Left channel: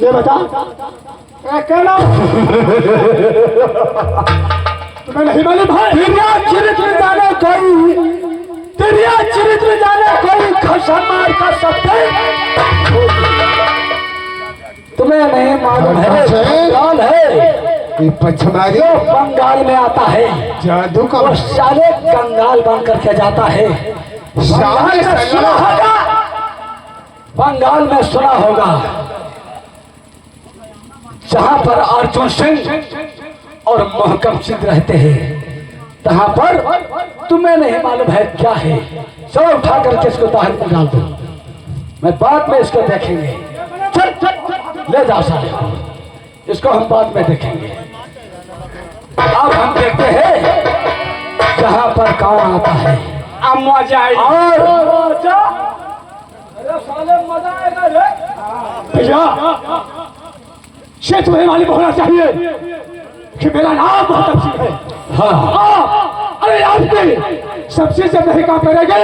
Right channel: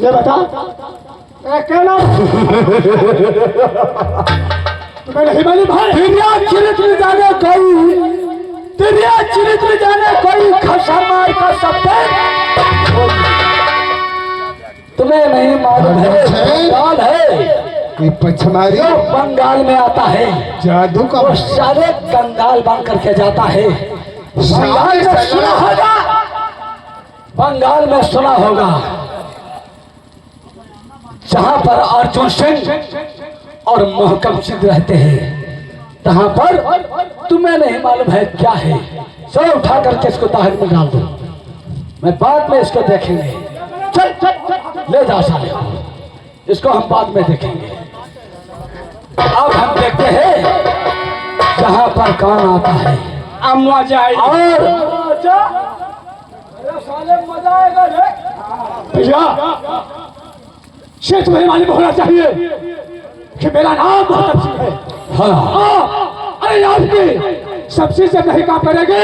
ये बता क्या नाम तुम्हें नहीं मालूम भाई? दुनिया चरित्र जाने कोई, दुनिया चरित्र जाने कोई खसा मार कर सकते तुम्हें नहीं मालूम है? बंगाल है ये पछमारी जो बंगाल में आता है, जादू का वो सारे कंगाल बन करके जाता है। बंगाल में सुना होगा, बंगाल में सुना होगा जहां पर अर्जुन सिंह और मोहकम सिंह रहते हैं, तहां पर तुम्हें नहीं मालूम है क्या है। चलो उठा करके इसको बाहर में डाल दो, मैं बाद में इसको देखेंगे। चल चल ले जाओ सारे, इसको हम बाद में देखेंगे। अब हम देखते हैं जहां पर कौन आता है। अब मजा आएगा। और अरे साले मजा आएगा रे भैया। ये तुम्हें मालूम होना चाहिए कि मेरा नाम मोहकम सिंह है। हाँ अरे याद नहीं, सबसे जब नहीं काम करेंगे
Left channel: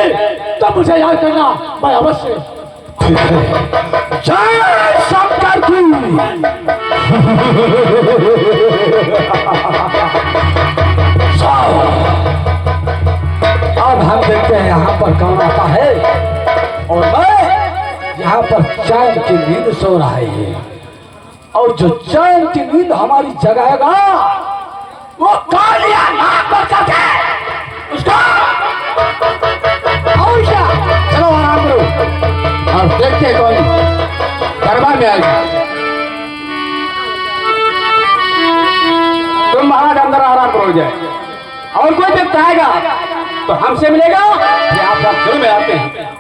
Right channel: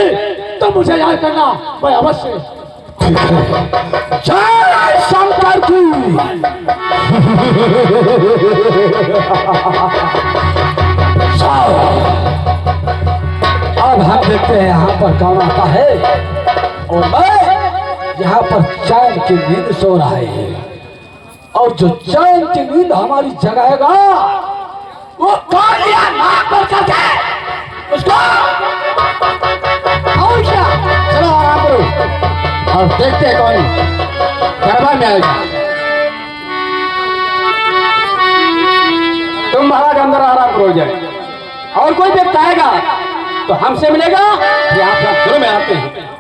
तो मुझे याद करना, मैं अवश्य। ठीक है, जय शंकर की। अब हम देखते हैं यहाँ पर कौन आता है, और मैं यहाँ पर चैन की नींद सो रहा है, और जो चैन की नींद हमारी जगाएगा वो कालिया नाक पर करके उसको। और क्या, चलो आराम करो और देखते हैं कौन दरबार में आएगा। तुम महाराज अंदर आराम करो जाए, और कोई व्यक्ति आएगा तो हमसे मिलेगा, ये आप सब घर में आते हैं।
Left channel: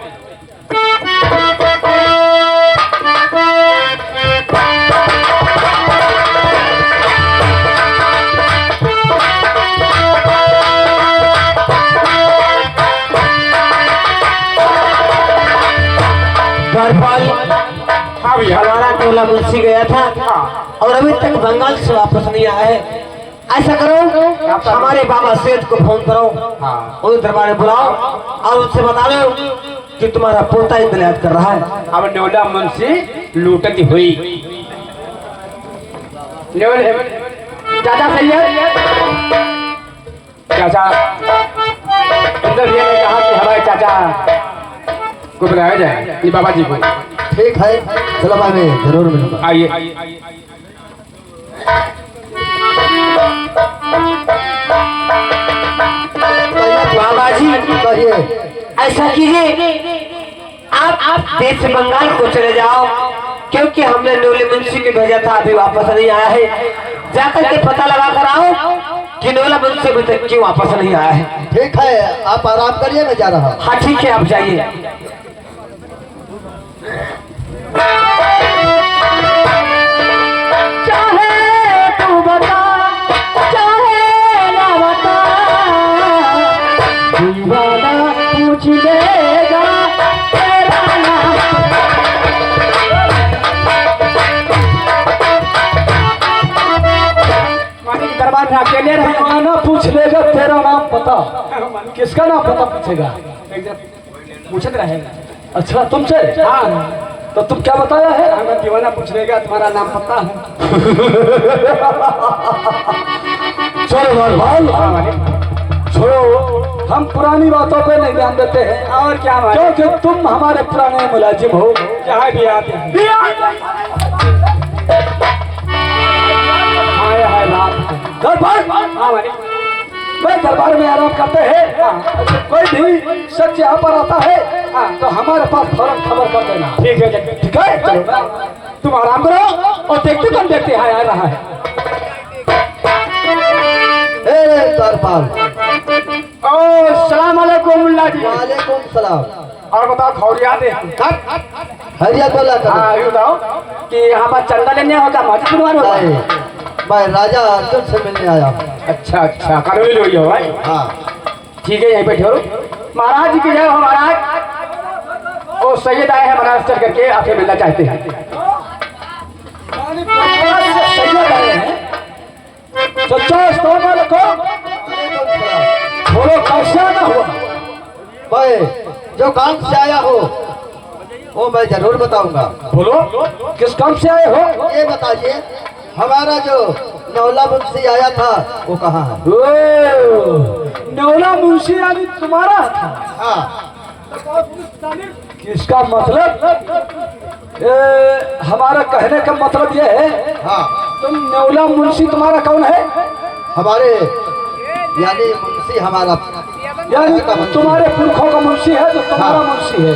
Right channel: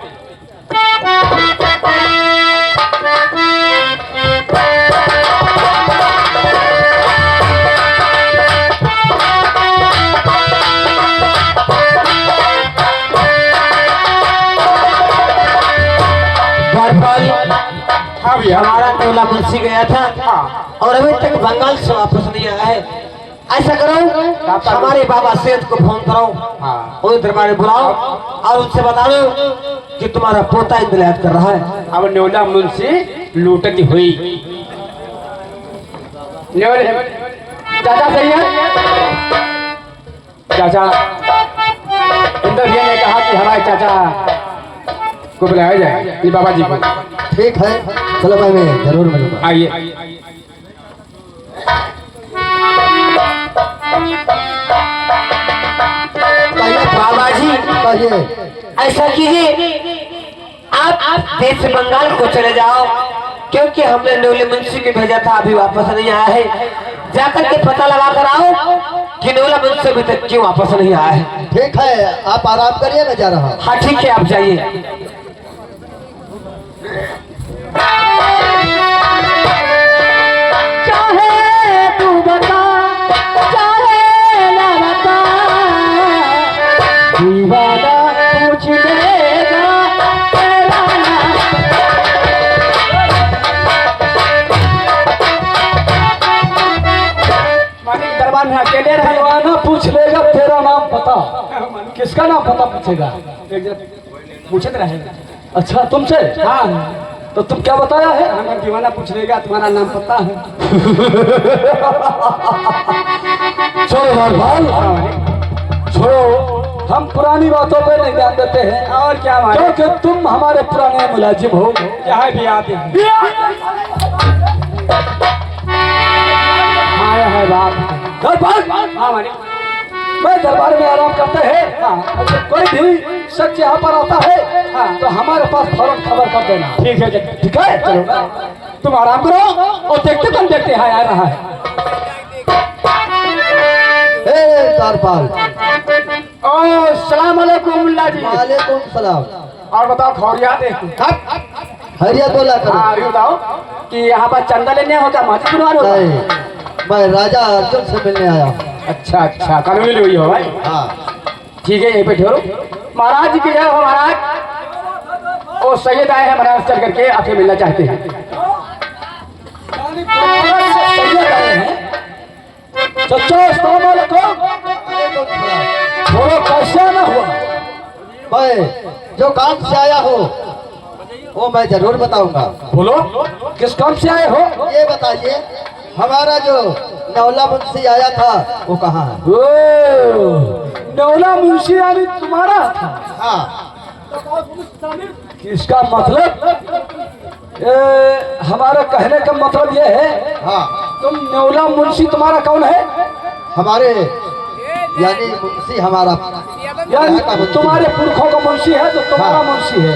हाँ भैया, हमारा टोला मुंशी गया था और अभी तक बंगाल से वापस नहीं आया है। ऐसा करो, हमारे बाबा सेठ को फोन करो, उन्हें दरबार में बुलाओ और उनसे बता दो कि तुम्हारा पोता इंतजार कर रहा है। अब न्योला मुंशी लूटती हुई चाचा सही है। चाचा इंदर भैया ने कहा कि हमारे चाचा को बुलाया जाए, ये बाबा जी को। ठीक है, चलो मैं जरूर मिलूंगा। आइए। बाबा जी कहिए। ऐसा कीजिए, आप देश से बंगाल को चले जाओ, क्योंकि हमने न्योले मुंशी को भेजा था, अभी वापस नहीं आया है। जाकर के पता लगा कर आओ कि न्योला मुंशी अभी तक क्यों वापस नहीं आया है। ठीक है, आप आराम करिए, मैं जा रहा हूँ। हाँ ठीक है, आप जाइए। चाहे तू बता चाहे ना बता, दीवाना पूछ लेगा तेरा नाम। दरबार में अकेले रहे, दीवाना पूछ लेगा तेरा नाम पता। किसका नाम पता पूछेगा? पूछते रहेगा। अच्छा तुमसे? हाँ, तो तुम क्या बताया है? अगर दीवाना पूछ लेगा तुम्हारा नाम पता है। चलो भाई, छोड़ो, हम पुरानी बातों पे नहीं ध्यान देते हैं। और क्या बात, क्योंकि तुम हमारे पुराने मुलाजिम हो। यहाँ भी आते हैं। आया है रात दरबार। मैं दरबार में आराम करते हैं। अगर कोई भी शख्स यहाँ पर आता है तो हमारे पास फौरन खबर कर देना। ठीक है, ठीक है, चलो तुम आराम करो और देखते कौन देखते हैं आ रहा है। दरबार। ओ सलाम अलैकुम मुल्ला जी। वालेकुम सलाम। और बताओ खौरियात है? हरिया बोला करो। हाँ ये बताओ कि यहाँ पर चंदा लेने होगा मस्जिद बनवाने होगा? नहीं, मैं राजा अर्जुन से मिलने आया हूँ। अच्छा अच्छा कानूनी हुई हो भाई। हाँ ठीक है यहीं पे ठहरो। महाराज जी की जय हो महाराज। वो सैयद आए हैं महाराज चल करके आपसे मिलना चाहते हैं। सच्चा अस्सलाम वालेकुम। बोलो कैसा ना हुआ? मैं जो काम से आया हूँ वो मैं जरूर बताऊंगा। बोलो किस काम से आए हो? ये बताइए हमारा जो नौला मुंशी आया था वो कहाँ है? ओ, नौला मुंशी यानी तुम्हारा था? हाँ इसका मतलब हमारा कहने का मतलब यह है हाँ तुम नौला मुंशी तुम्हारा कौन है? हमारे यानी मुंशी हमारा यानी तुम्हारे पुरखों का मुंशी है तो तुम्हारा हाँ। मुंशी है।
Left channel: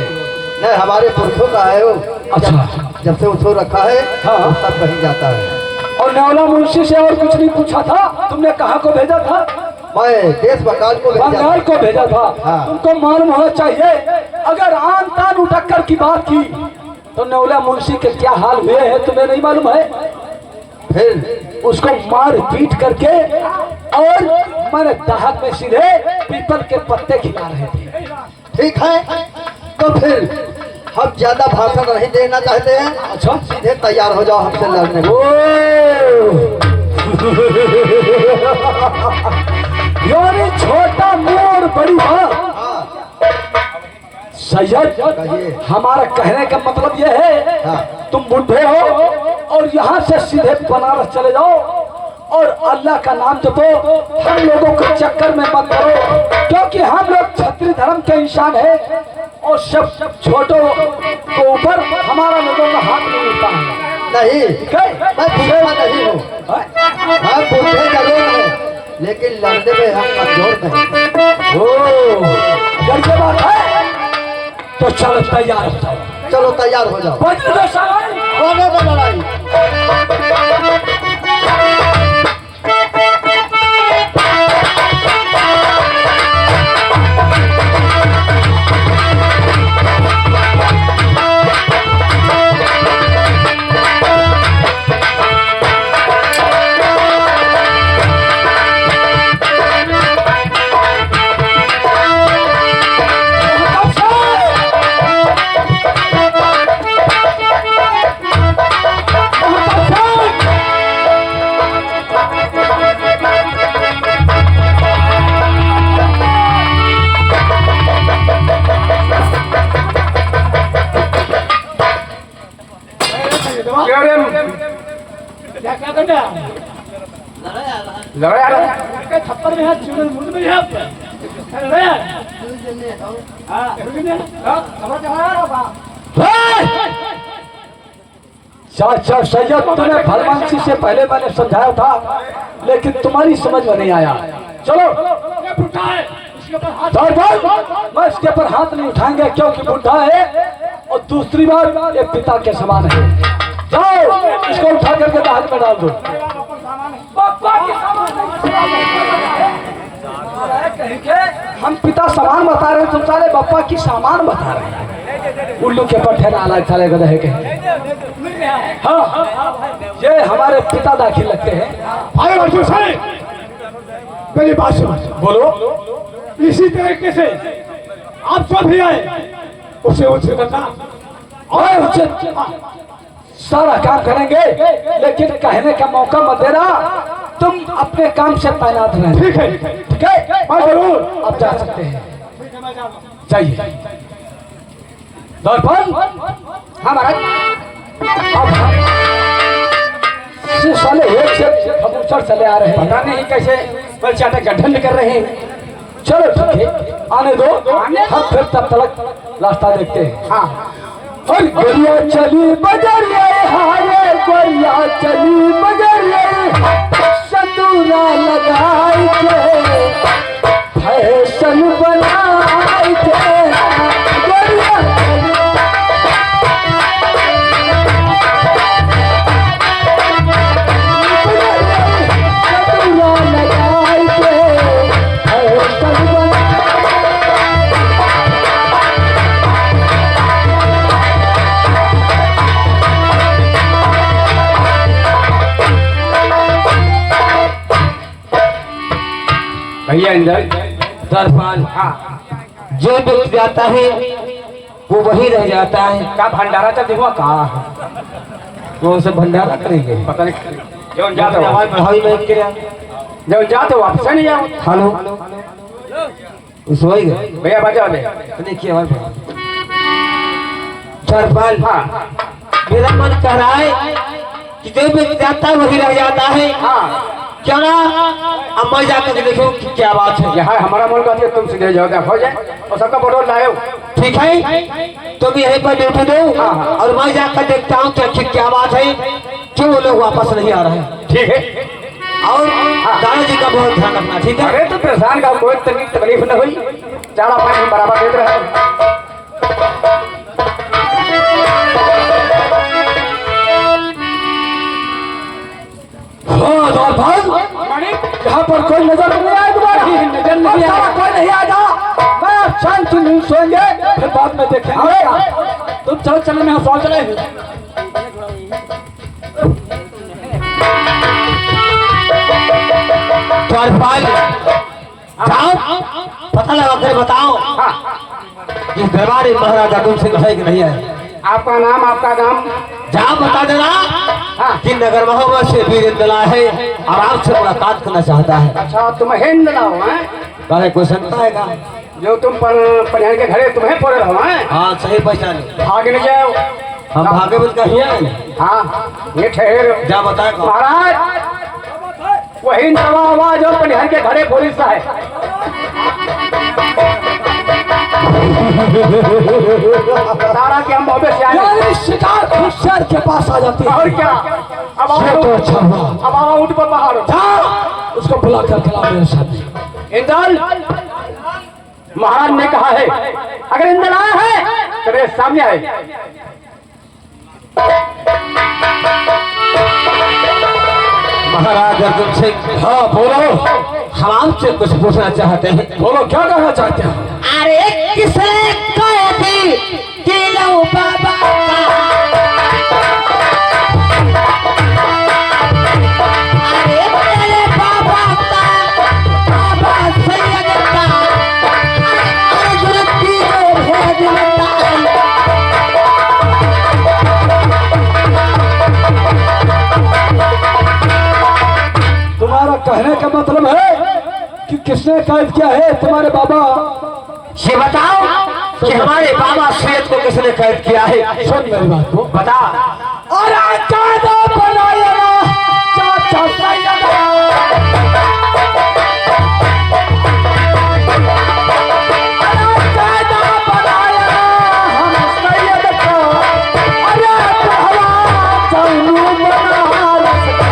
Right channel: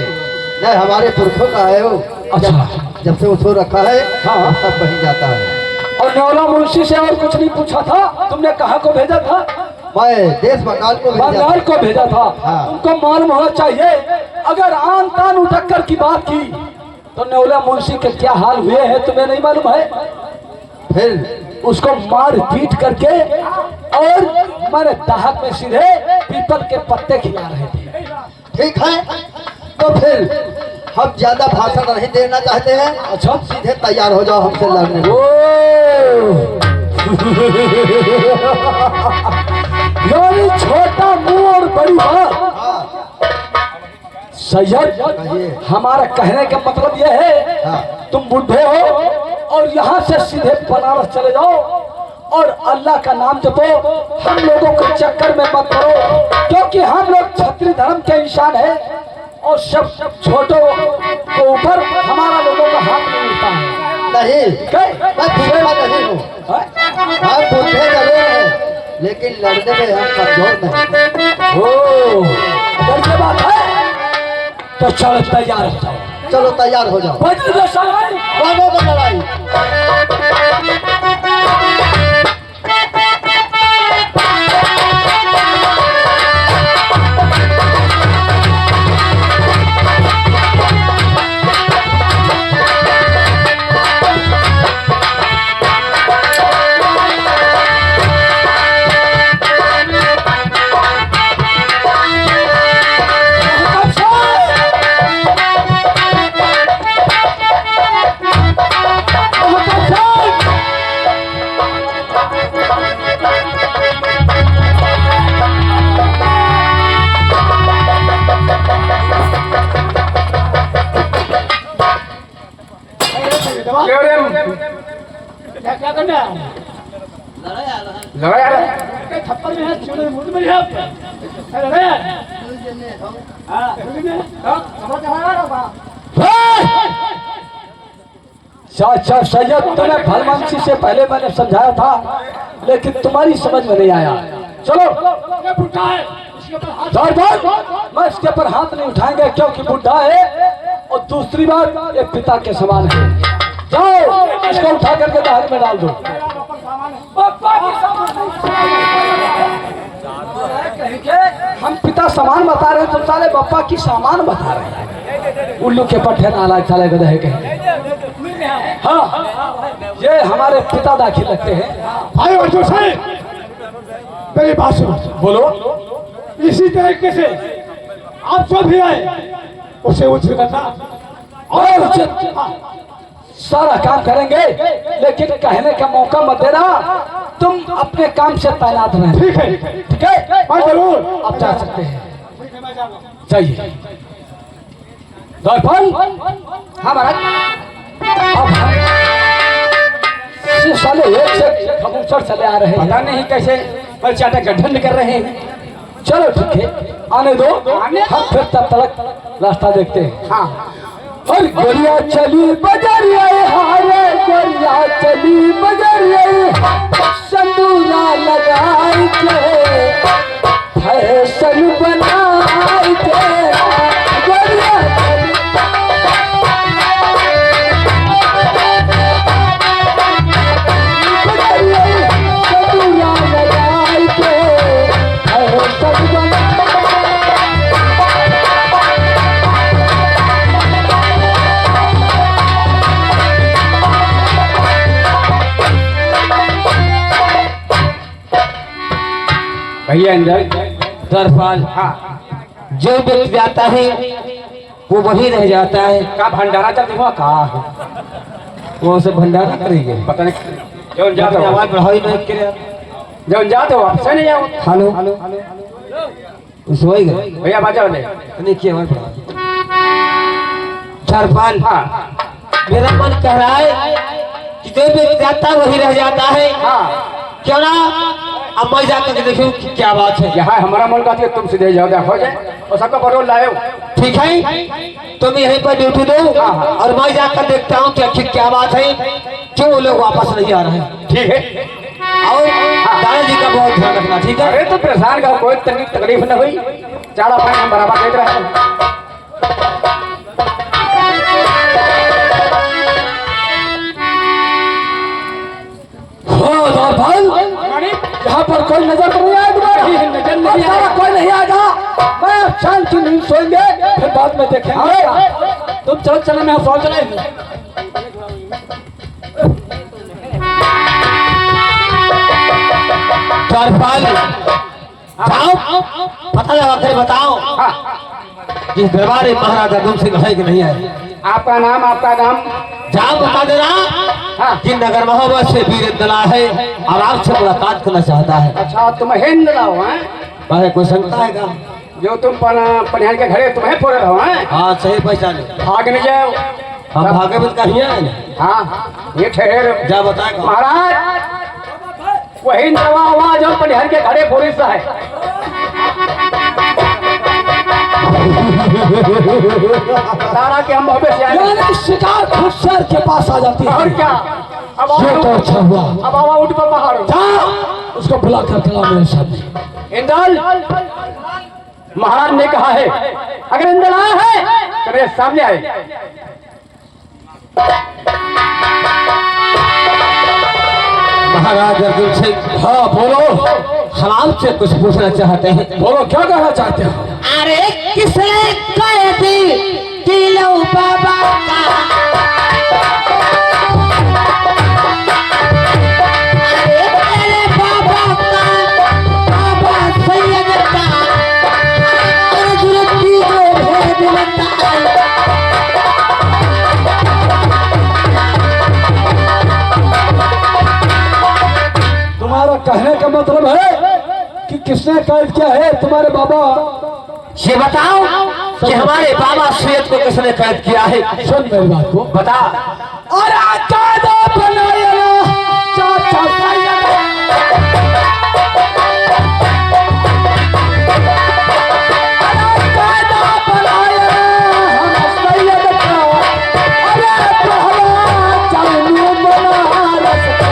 नहीं हमारे पुरखों का है वो। अच्छा जब से उसको रखा है हाँ। तब वहीं जाता है। और नौला मुंशी से और कुछ नहीं पूछा था? तुमने कहाँ को भेजा था? मैं देश बंगाल को भेजा था। बंगाल को भेजा था। हाँ। तुमको मालूम होना चाहिए अगर आन तान उठक्कर की बात की तो नौला मुंशी के क्या हाल हुए हैं तुम्हें नहीं मालूम है? फिर उसको मार पीट करके और मैंने दाहत में सीधे पीपल के पत्ते खिला रहे थे। ठीक है तो फिर हम ज्यादा भाषण नहीं देना चाहते हैं। अच्छा सीधे तैयार हो जाओ हमसे लड़ने को। यानी छोटा मुंह और बड़ी बात। हाँ सैयद कहिए। हमारा कहने का मतलब यह है हाँ तुम बुढ़े हो और यहाँ से सीधे बनारस चले जाओ और अल्लाह का नाम जपो। हम लोगों के चक्कर में मत पड़ो क्योंकि हम लोग क्षत्रिय धर्म के इंसान है और सब छोटों के ऊपर हमारा लोगों का हाथ नहीं उठता है। नहीं क्या? मैं बूढ़ा नहीं हूँ। हम बूढ़े जरूर हैं लेकिन लड़ने में हम कमजोर नहीं। ओ, अगर ये बात है तो चलो तैयार हो जाओ। चलो तैयार हो जाओ। वज्र दशा दोनों में लड़ाई। क्या रे? लगा यार। चाचा सैयद तुम्हें भलवांसी से पहले मैंने समझाया था लेकिन तुम्हारी समझ में नहीं आया। चलो मैं इसके ऊपर हाथ नहीं उठाएंगे क्योंकि बुढ़ा है और दूसरी बात ये पिता के समान है। जाओ इसको उठा करके दाहत में डाल दो। हम पिता समान बता रहे हैं तुम सारे बप्पा की सामान बता रहे हैं। उल्लू के पट्टे ना अलग साले गधे के। हाँ ये हमारे पिता दाखिल लगते हैं। भाई अर्जुन साहब पहली बात सुनो। बोलो इसी तरीके से आप जो भी आए उसे उचित करना और उचित सारा काम करेंगे लेकिन कहने का मौका मत देना। तुम अपने काम से तैनात रहे। ठीक है ठीक है मैं जरूर। अब जा सकते हैं। ठीक है मैं जा रहा हूं। चाहिए दर्पण हमारा अब हम साले एक से कबूतर चले आ रहे हैं। पता नहीं कैसे कल चाटा गठन कर रहे हैं। चलो ठीक है आने दो हम फिर तब तक रास्ता देखते हैं। हाँ और गोरिया चली बजरिया हारे गोरिया चली बजरिया संदूरा लगाई के फैशन बनाई के गोरिया संदूरा लगाई के फैशन बनाई भैया इंदल। दरबार हाँ जो व्यक्ति जाता है वो वही रह जाता है। का भंडारा चल देखो कहाँ है, वो उसे भंडारा करेंगे। पता नहीं जो जाते हो, आवाज बढ़ाई मैं के जो जाते हो वापस नहीं जाओ। हेलो उस वही गए भैया बाजा दे। नहीं किया आवाज दरबार। हाँ मेरा मन कह रहा है कि जो व्यक्ति जाता है वही रह जाता है। हाँ क्यों ना अब मैं जाकर देखूं कि क्या बात है। यहाँ हमारा मन कहती है तुम सीधे जाओ हो जाए और सबका पेट्रोल लाए हो। ठीक है तुम यहीं पर ड्यूटी दो और मैं जाकर देखता हूँ कि आखिर क्या बात है, क्यों वो लोग वापस नहीं आ रहे हैं। ठीक है और दादाजी का बहुत ध्यान रखना। ठीक है। अरे तो परेशान का कोई तकलीफ न हुई, चारा पानी हम बराबर देते रहे। हाँ दरबार, यहाँ पर कोई नजर नहीं आया तुम्हारा? नजर नहीं आया। कोई नहीं आएगा। मैं अब शांति नींद सोएंगे, फिर बाद में देखेंगे। तुम चलो चलो, मैं सवाल चले। दरबार जाओ पता लगा कर बताओ कि दरबार महाराजा तुमसे है कि नहीं है। आपका नाम आपका नाम जाओ बता देना हाँ। कि नगर महोत्सव से वीर दला है और आपसे मुलाकात करना चाहता है। अच्छा तुम हिंद लाओ हैं, अरे कोई शंका है का? जो तुम पनियान के घरे तुम्हें पड़े हो हैं, हाँ सही पहचाने। भाग न जाओ। हम भागवत का ही है। हाँ ये ठहरे जा बताएगा महाराज, वही नवा हुआ जो पनियान के घरे पुलिस है। सारा के हम मोहब्बत से आए। यानी शिकार खुद शहर के पास आ जाती है। और क्या, अब ये तो अच्छा हुआ। अब आवा ऊँट पर पहाड़ो। जा उसको बुला कर खिला मेरे सामने। इंदल, महाराज ने कहा है अगर इंदल आया है तो मेरे सामने आए। महाराज अर्जुन सिंह। हाँ बोलो, हम आपसे कुछ पूछना चाहते हैं। बोलो क्या कहना चाहते हो? अरे किसने कहा थी कि लो बाबा अरे मेरे बाबा का बाबा सैयद का अर्जुन की जो भेद लगता है। तुम्हारा कहने का मतलब है कि किसने कैद किया है तुम्हारे बाबा? ये बताओ कि हमारे बाबा सैयद को किसने कैद किया है। सुन मेरी बात को। बता। अरे कायदा बनाया चाचा सैयद। अरे कायदा बनाया हम सैयद का। अरे पहला जानू बनारस का।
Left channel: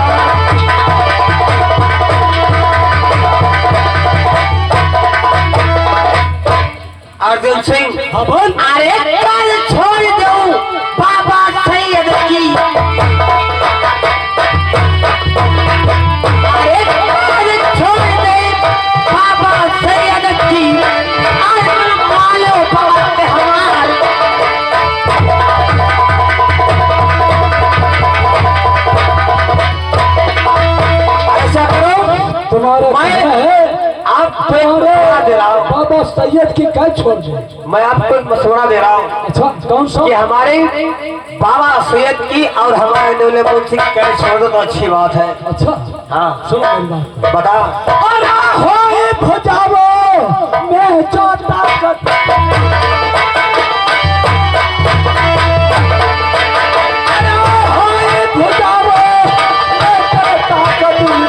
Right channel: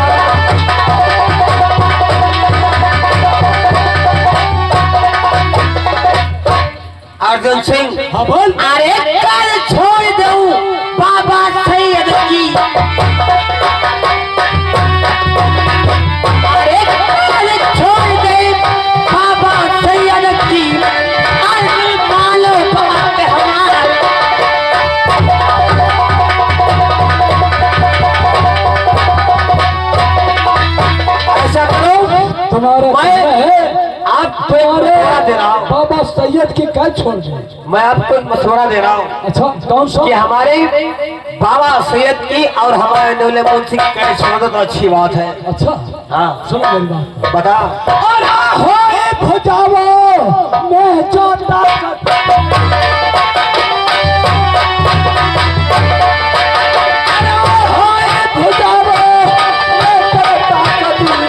अर्जुन सिंह। हाँ बोल। अरे कल छोड़ दो बाबा सैयद की। अरे कल छोड़ दे बाबा सैयद की। अर्जुन मानो बात हमार। ऐसा करो, तुम्हारे कहना है आप मशवरा दे रहा हूँ। बाबा सैयद की कैद छोड़ दो। मैं आपको एक मशवरा दे रहा हूँ अच्छा कौन सा? कि हमारे बाबा सैयद की और हमारे नौले मुंशी की कैद छोड़ दो तो अच्छी बात है। अच्छा हाँ सुनो मेरी बात। बता। अरे होए भुजाओ मैं चाहता अरे होए भुजाओ मैं चाहता करूं।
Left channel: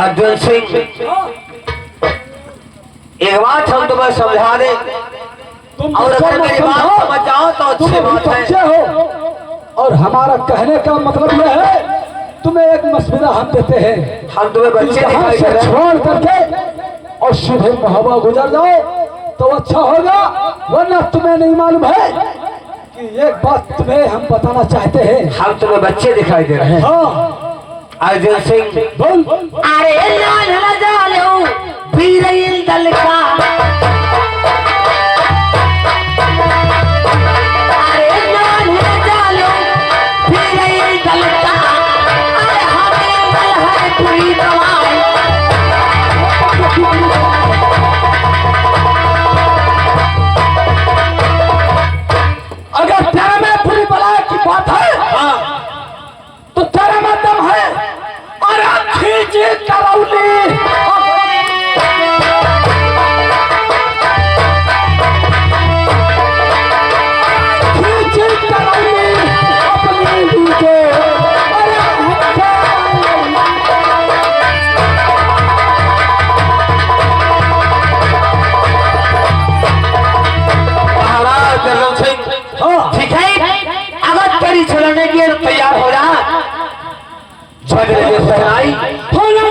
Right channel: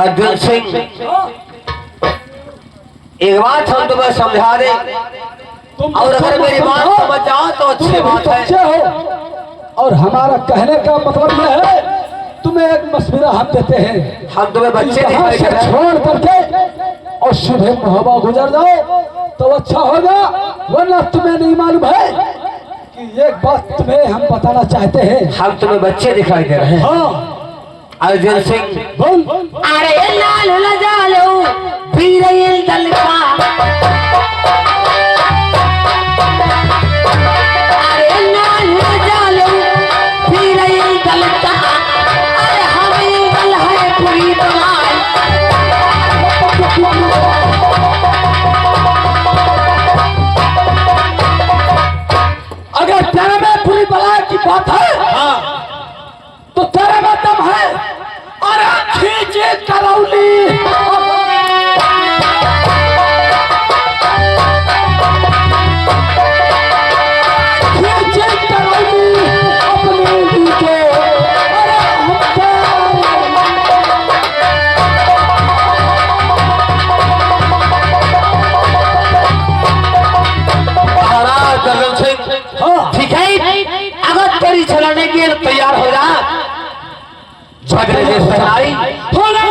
अर्जुन सिंह एक बात हम तुम्हें समझा दे और अगर मेरी बात समझ जाओ तो अच्छी बात है। बच्चे हो और हमारा कहने का मतलब यह है तुम्हें एक मशवरा हम देते हैं। हम तुम्हें बच्चे यहाँ दिखाई से दे रहे हैं। छोड़ करके और सीधे महोबा गुजर जाओ तो अच्छा होगा, वरना तुम्हें नहीं मालूम है कि एक बात तुम्हें हम बताना चाहते हैं। हम तुम्हें बच्चे दिखाई दे रहे हैं। हाँ अर्जुन सिंह बोल। अरे लाल न जालो वीर दल का। लिए तैयार हो जा। जगह सराई होना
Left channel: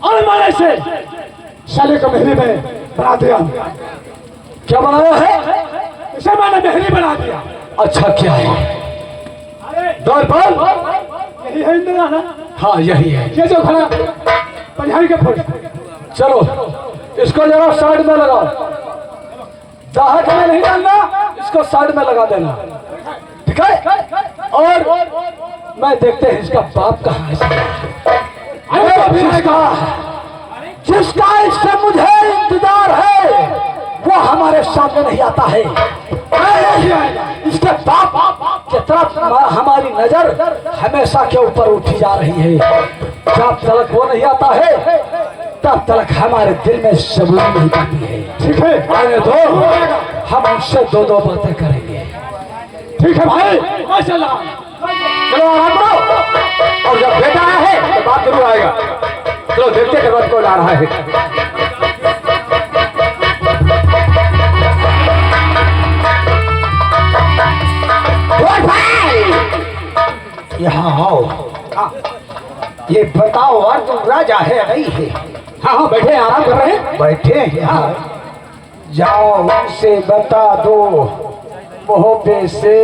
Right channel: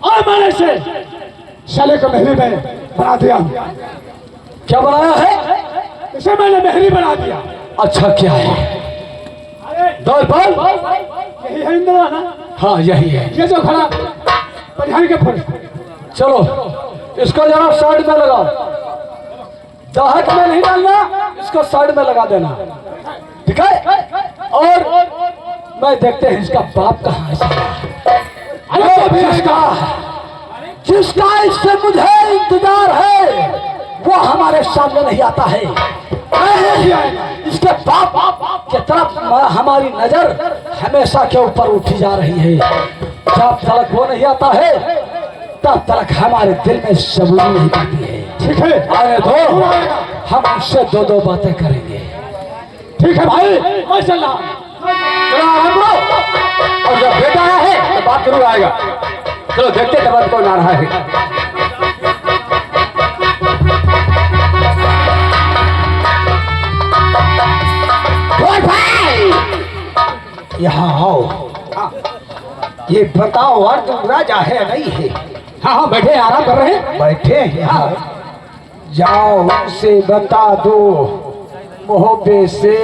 और हमारे से साले को महली में बना दिया। क्या बनाया है? इसे मैंने महली बना दिया। अच्छा क्या है? अरे दौड़ पर यही है इंदिरा ना, हाँ यही है। ये जो खड़ा परिहार के फुट। चलो इसको जरा साइड में लगाओ, दाहक में नहीं डालना, इसको साइड में लगा देना, ठीक है? और मैं देखते हैं इसका बाप कहाँ है। अरे जिसका इससे मुझे इंतजार है वो हमारे सामने नहीं आता है। इसके बाप की तरफ हमारी नजर हमेशा के ऊपर उठी जा रही है। जब तक वो नहीं आता है तब तक हमारे दिल में सबूरी नहीं पाती है। ठीक है, आने दो, हम उससे दो दो बातें करेंगे। ठीक है भाई, माशाल्लाह। चलो आराम करो। और जब बेटा आया है तो बात जरूर आएगा। चलो देखते हैं कौन आ रहा है। यहाँ आओ। ये बताओ अर्जुन राजा है या नहीं है? हाँ हाँ बैठे हैं, आराम कर रहे हैं। बैठे हैं। हाँ। जाओ उनसे बता दो मोहब्बे से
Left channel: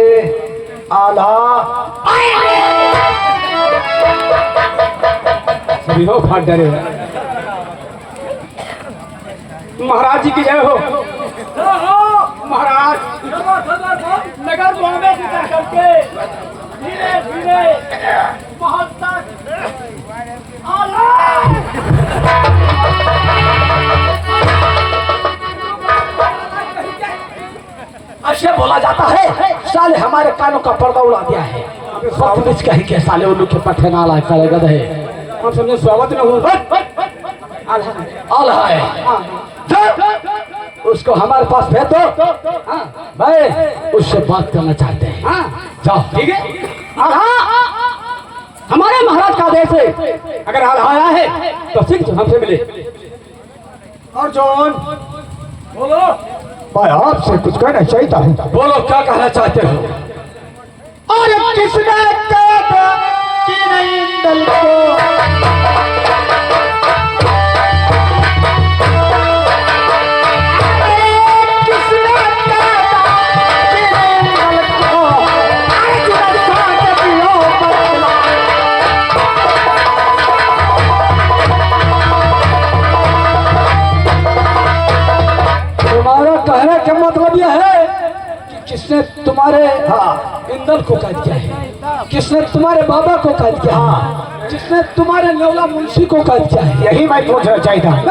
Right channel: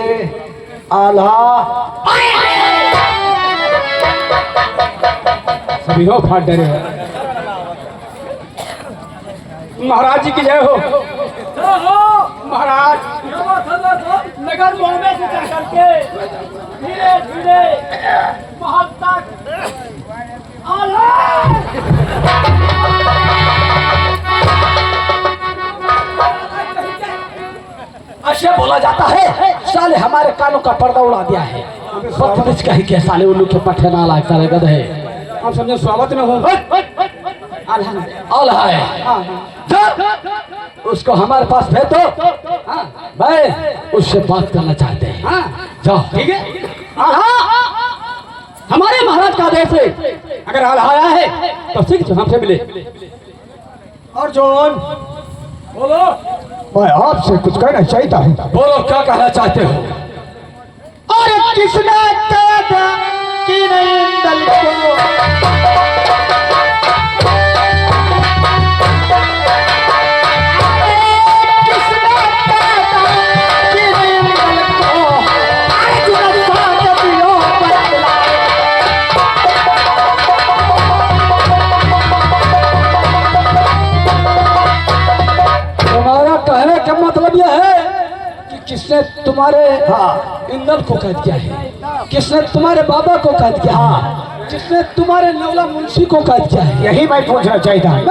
आला सभी हो फाट डरे। महाराज जी की जय हो। महाराज नगर बॉम्बे से चल करके धीरे धीरे महल तक ऐसे बोला जाता है साले हमारे कानों का पर्दा उड़ा दिया है। बदतमीज कहीं के साले उल्लू के पट्टे ना लाए साले गधे। हम समझे स्वागत में हो। आला है। उसको हमारे पास भेज दो। मैं उससे बात करना चाहते हैं। जाओ। ठीक है। हमारे महाराज का आदेश है, अगर आया है तो सिख हमसे मिले। अर्जुन बोलो। मैं आपसे कुछ कहना चाहता हूँ। बोलो क्या कहना चाहते हो? अरे किसने कहा कि नहीं इंदल को तुम्हारा कहने का मतलब यह है कि किसने तुम्हारे इंदल को कैद किया है, किसने तुम्हारे बाबा को कैद किया है, किसने तुम्हारे नेवला मुंशी को कैद किया है? यही मैं पूछना चाहता हूँ।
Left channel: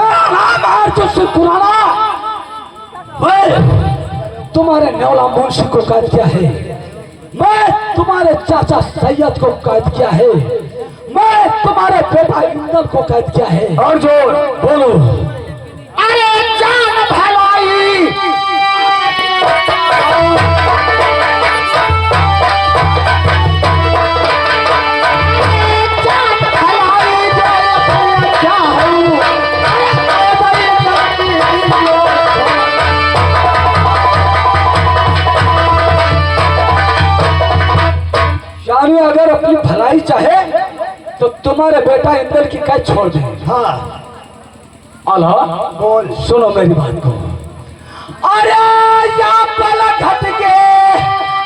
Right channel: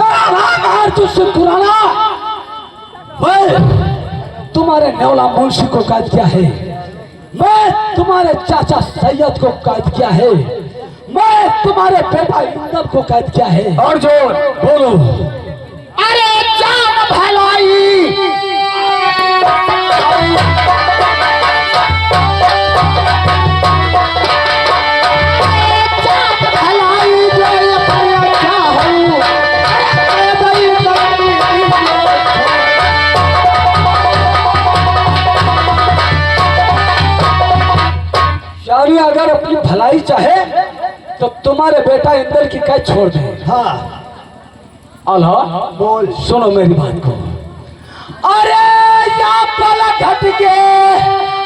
तुझसे पुराना मैं तुम्हारे नेवला मुंशी को कैद किया है, मैं तुम्हारे चाचा सैयद को कैद किया है, मैं तुम्हारे बेटा इंदल को कैद किया है। और जो बोलो। अरे जान भलाई यानी अगर अपनी भलाई चाहे तो तुम्हारे बेटा इंदल की कैद छोड़ दे। हाँ अल्लाह बोल। सुनो मेरी बात को। अरे या पला घट के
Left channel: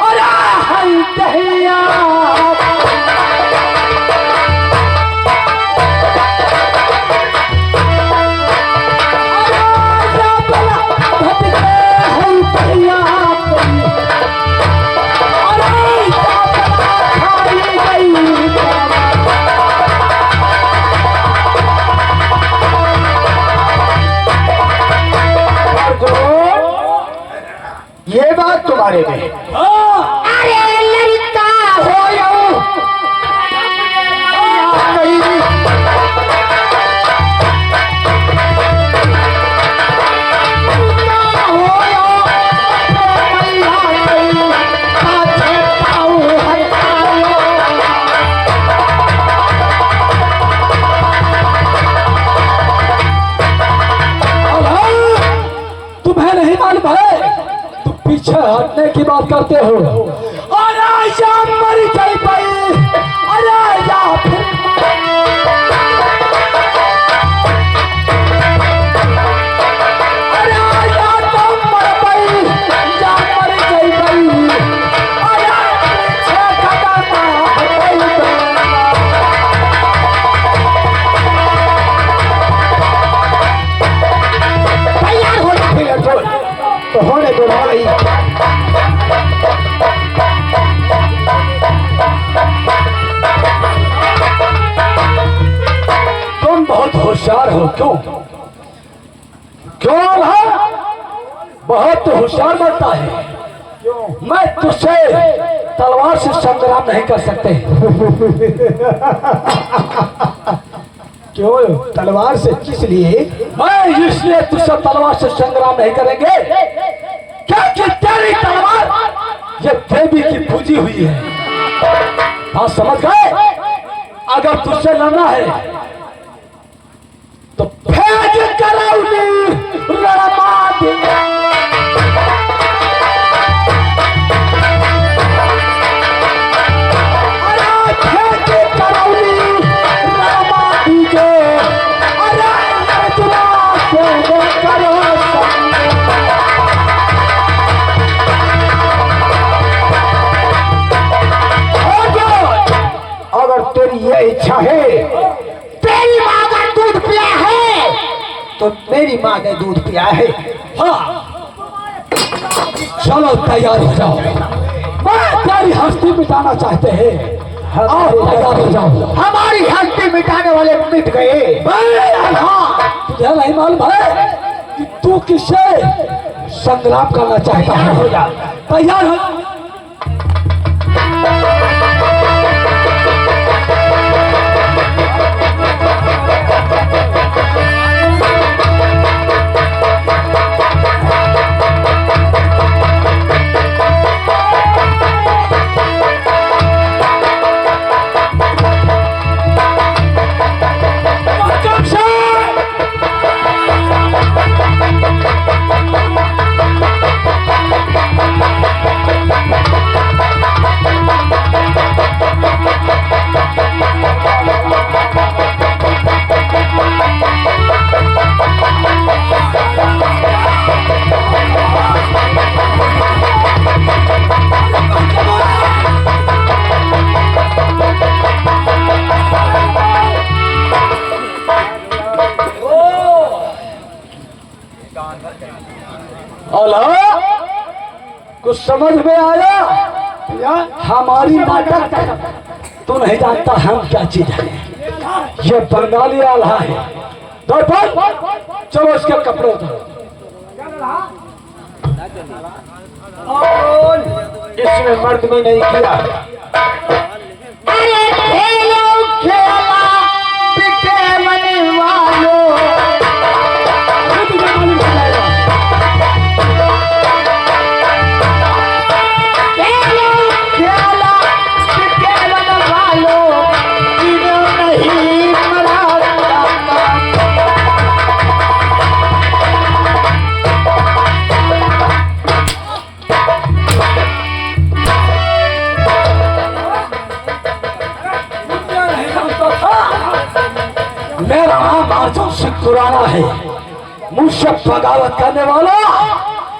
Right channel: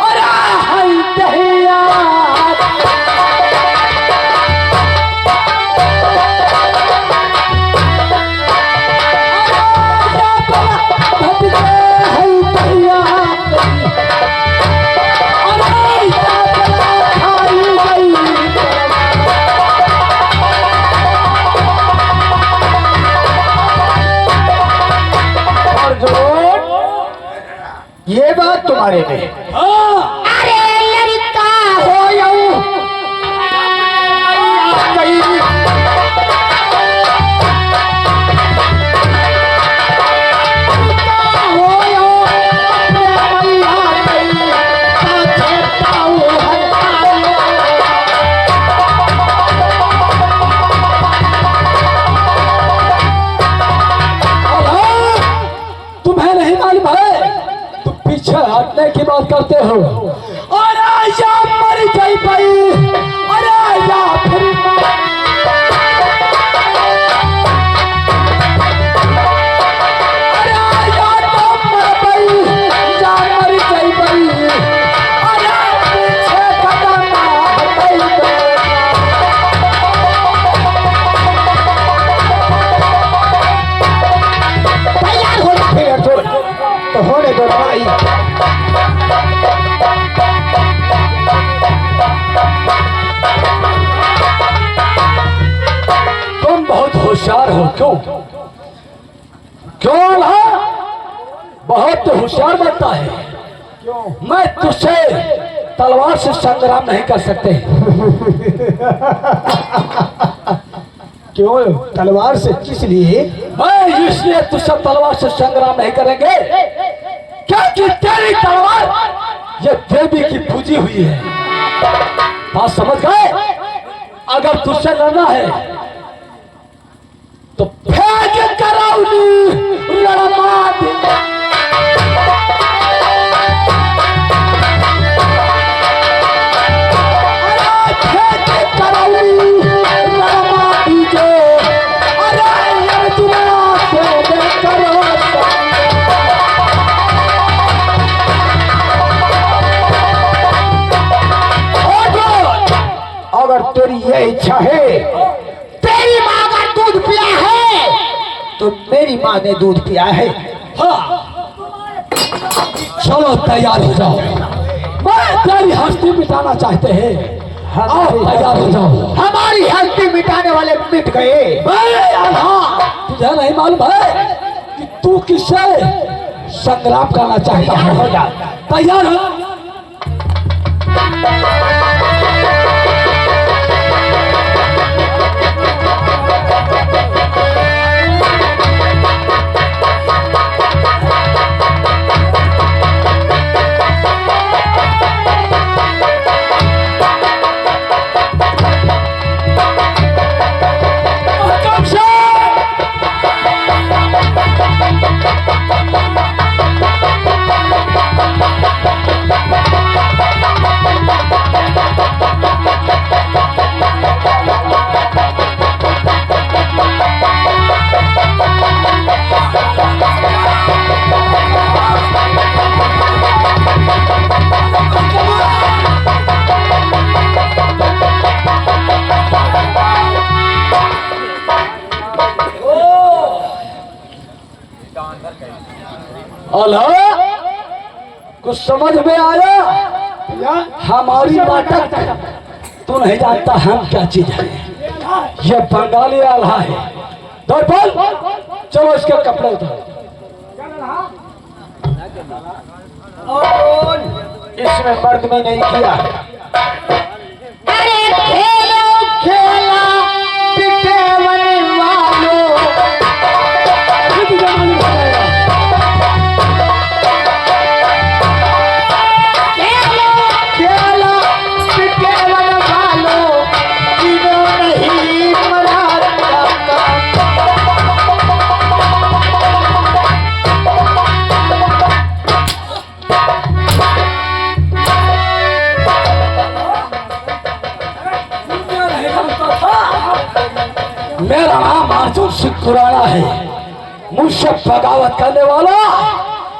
अरे हाय दहिया बारे में। हाँ अरे लड़का हो तुम्हें नहीं मालूम है, तुम पीछे हटने की बात करते हो। अरे या मर गई भाई, अरे या फिर अरे या तो मर गई या मर गई भाई, अरे पीछे कदम हट गई। तैयार हो जा फिर जो तो होने दो भाई। तुम बहुत होशियार हो। क्यों क्यों है? बहुत होशियार बनता है। मैं तुझसे तलवार से संग्राम नहीं कर सकते। क्यों तलवार से, किस लिए? मैं इसलिए तुझसे तलवार से संग्राम नहीं करेंगे क्योंकि तेरी तलवार ये देवी की पूजी हुई है। बात समझ गए? अगर तुझसे लड़ना है तो भेज करौली रणमा दे। अरे भेज करौली रणमा दीजो, अरे अर्जुना से दे करो अगर तेरी ये इच्छा है, तेरी माँ का दूध पिया है तो मेरी माँ ने दूध पिया है। हाँ चलो तैयार हो जाओ। मैं तेरी हस्ती मिटाना चाहते हैं। आओ तैयार हो जाओ। हमारी हस्ती मिटाने वाले मिट गए। हाँ तुझे नहीं मालूम है कि तू किससे संग्राम करना चाहता है? तैयार हो। कुछ समझ में आया? हमारी नाटक तो नहीं जानता हम क्या चीज है। ये बंगाली आल्हा है। दर्पण चलो इसके कपड़े उतारो। इसमें मर्द में नहीं किया। अरे खेलो खेला पिटेवन वालों, तुझे मालूम हो जाएगा। खेलो खेला पिटेवन वालों, इनो नहीं मरा जाता। मेरा नाम अर्जुन सिंह खुराना है। मुझसे बगावत करने वाला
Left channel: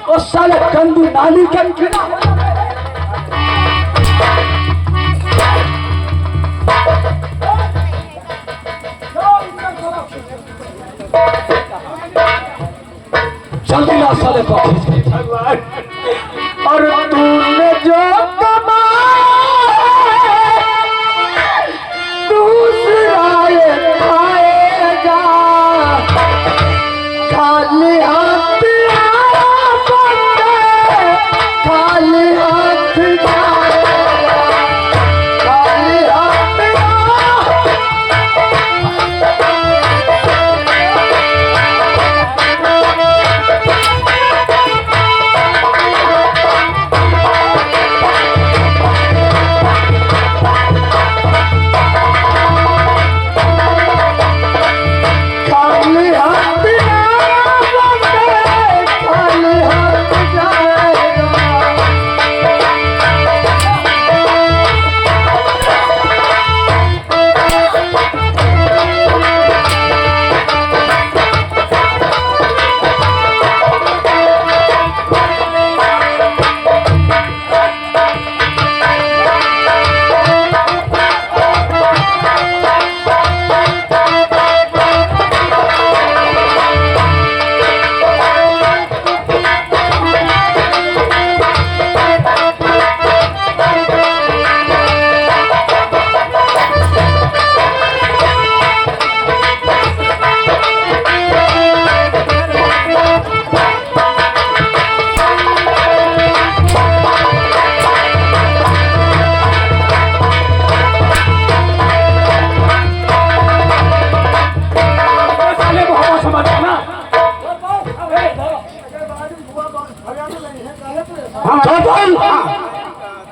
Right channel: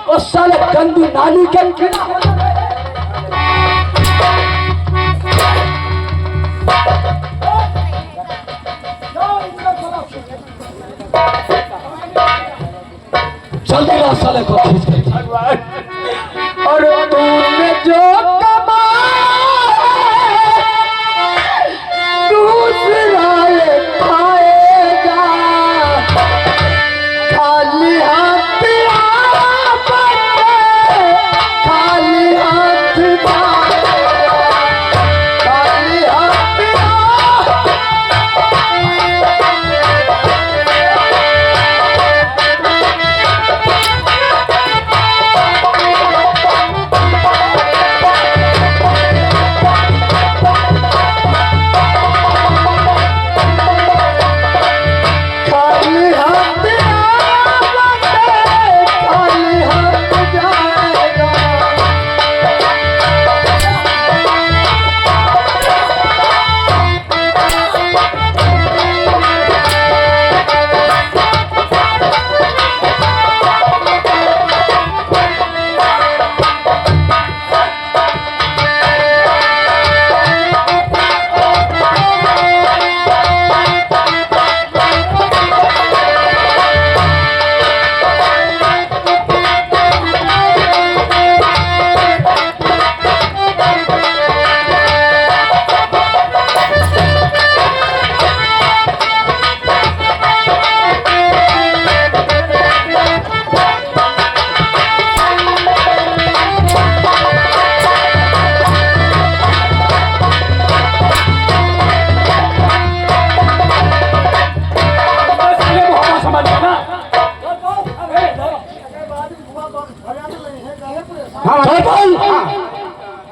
और साले गंदी नाली के जल्दी ला साले को खींच के। और तूने जो कमाया दूसरा ये खाएगा, खाली हाथ आया बंदे, खाली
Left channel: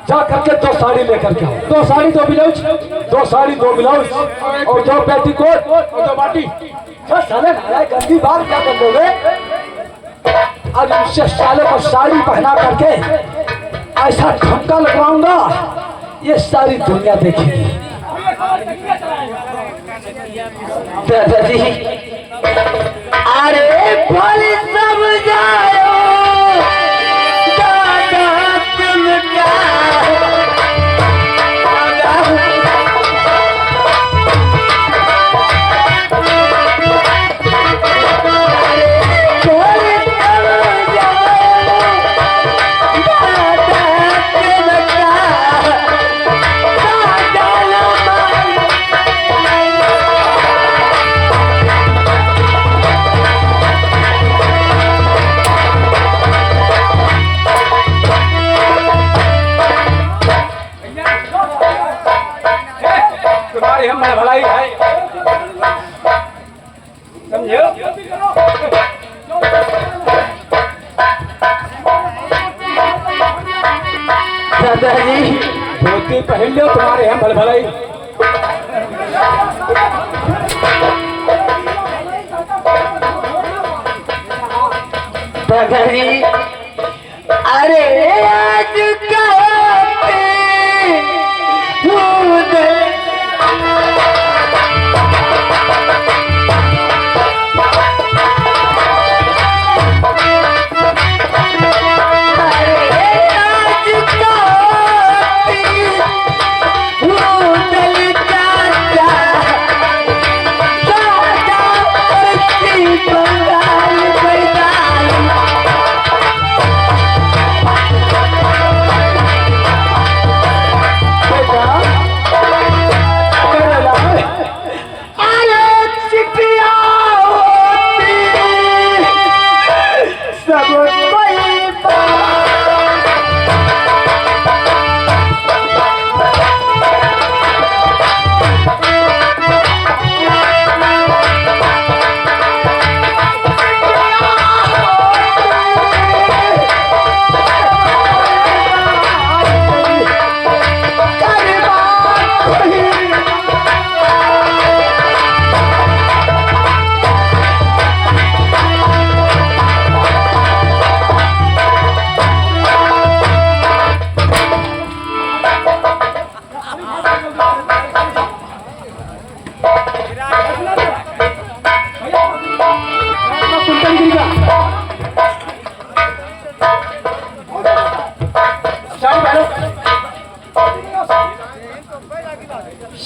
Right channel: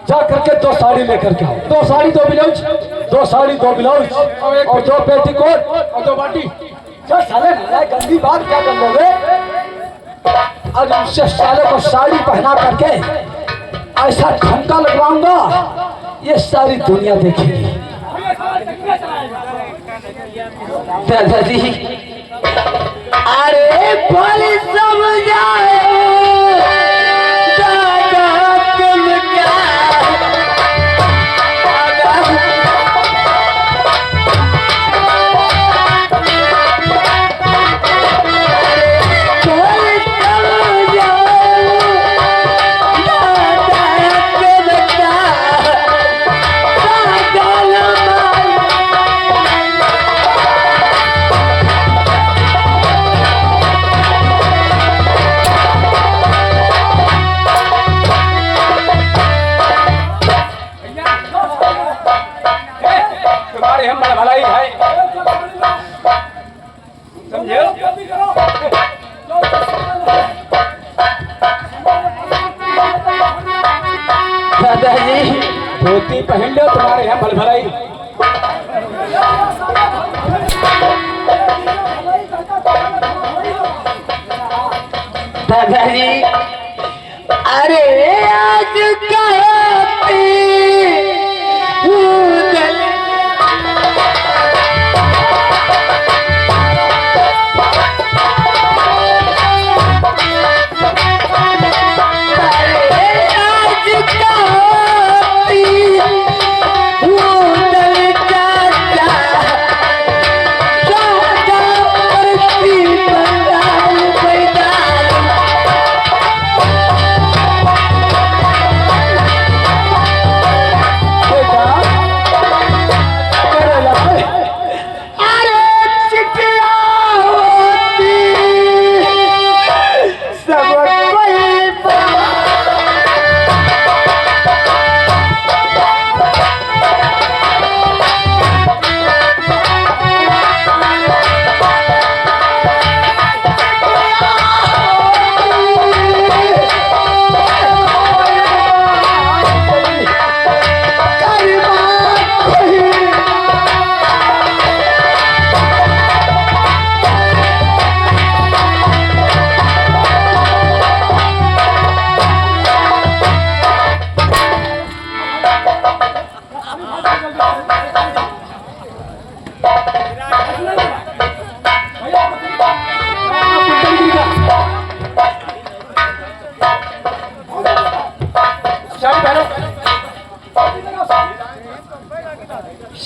जा करके 2 साड़ी लेकर के आओ। 2 साड़ी 2 ब्लाउज 2 साड़ी 2 ब्लाउज और 2 पेटीकोट और 2 बाटी। क्या साले नया गंदी बात क्या कर लोगे? अब इससे साले को साड़ी पहना करके ऐसा ठुमका लगवाऊंगा ये सारी दुनिया देखेगी। दादाजी अरे भले समझाओ दादा तुम क्या तुम्हारी हम भलाई है, समझे? दादाजी धोती पहन लो, तुम्हारे यहाँ भलाई। दादाजी अरे आज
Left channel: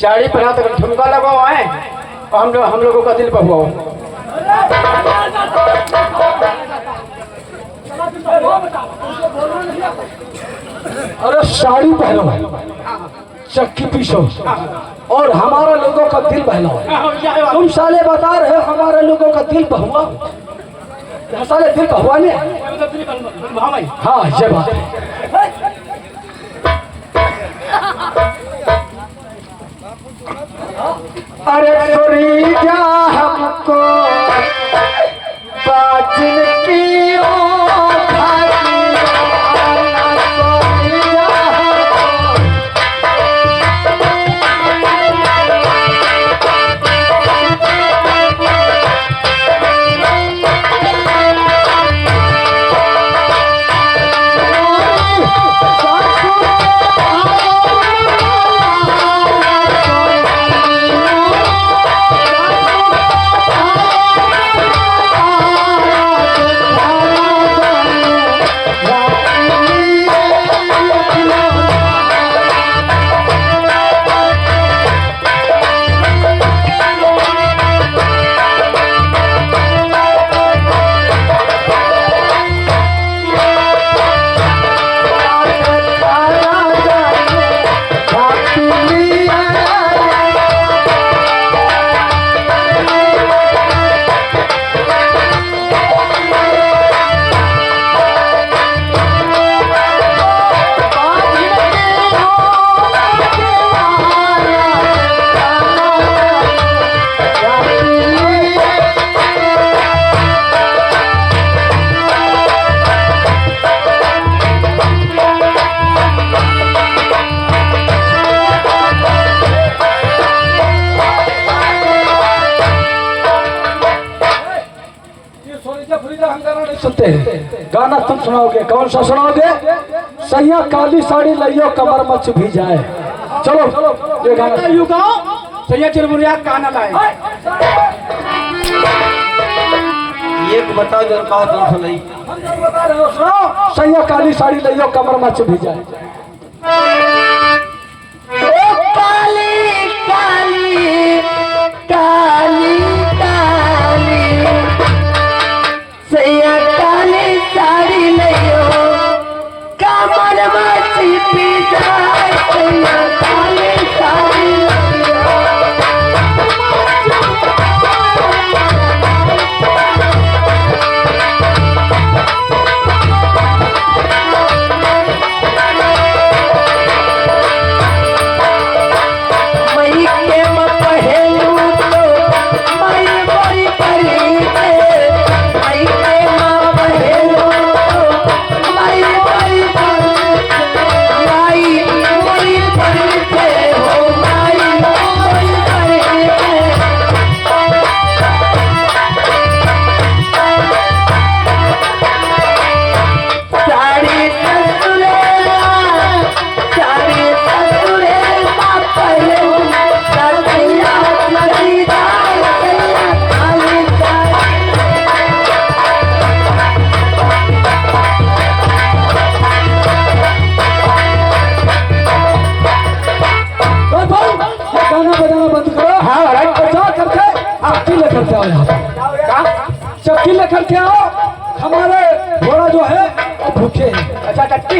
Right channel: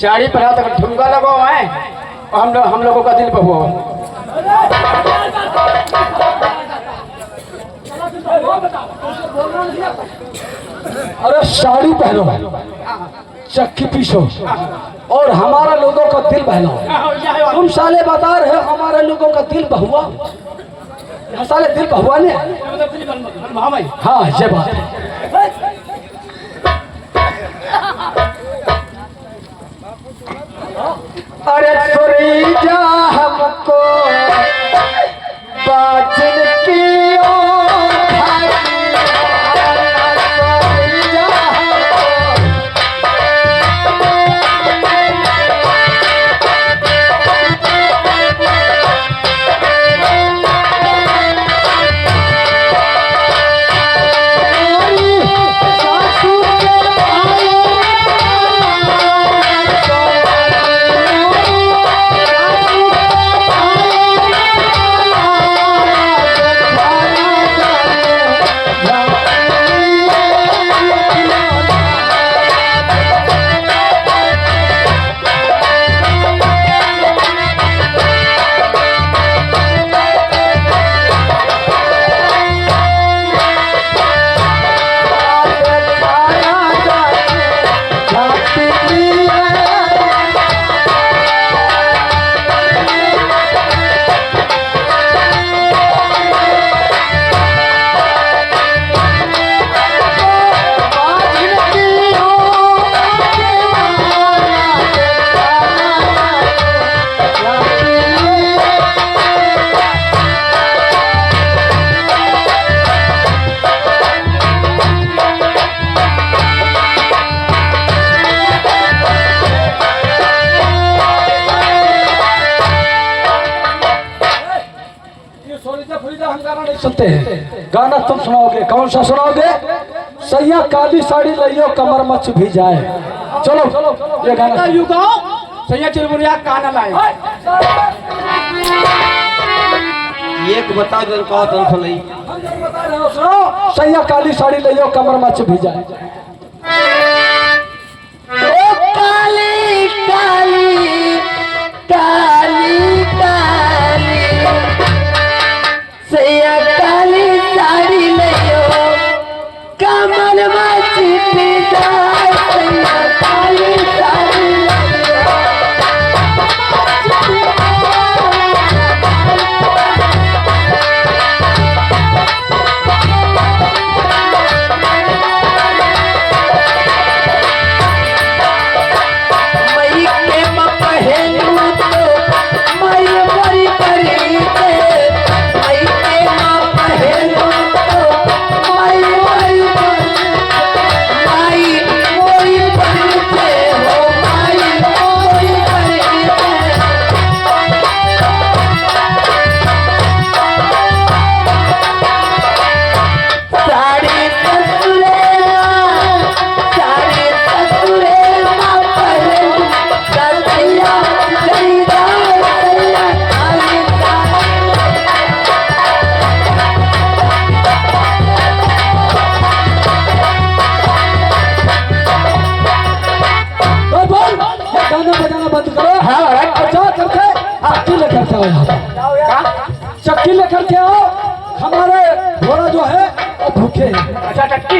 साड़ी पहना तो ठुमका लगा हुआ है और हम लोगों का दिल पर हुआ है। अरे साड़ी पहनो चक्की पीछो और हमारा लोगों का दिल बहलाओ। तुम साले बता रहे हो हमारा लोगों का दिल बहुआ, साले दिल बहुआने। हाँ ये बात है। अरे सोरी जा हमको बाजिन की सुनते हैं। गाना तुम सुनाओगे, कौन सा सुनाओगे? सैया काली साड़ी लइयो कमर मच भी जाए। चलो ये गाना युगा सैया चुरमुरिया काना लाए। एक बताओ जरा का दल फलई हम जब बता रहे हो, सुनो। सैया काली साड़ी लइयो कमर मच भी जाए। ओ काली काली काली काली सैया काली साड़ी लइयो कमर मच भी जाए। सैया काली साड़ी मई के पहलू तो मई बड़ी परी के मई के पहलू तो मई बड़ी परी मई बड़ी परी के हो मई बड़ी परी के साड़ी ससुरेला साड़ी ससुरेला पहलू सैया लईदा सैया काली ये गाना बजाना बंद करो। हाँ राइट। जा करके चक्की लेकर के आओ यहाँ पर। का चक्की लेकर के आओ। हमारे घोड़ा जो है वो भूखे हैं। अच्छा टट्टी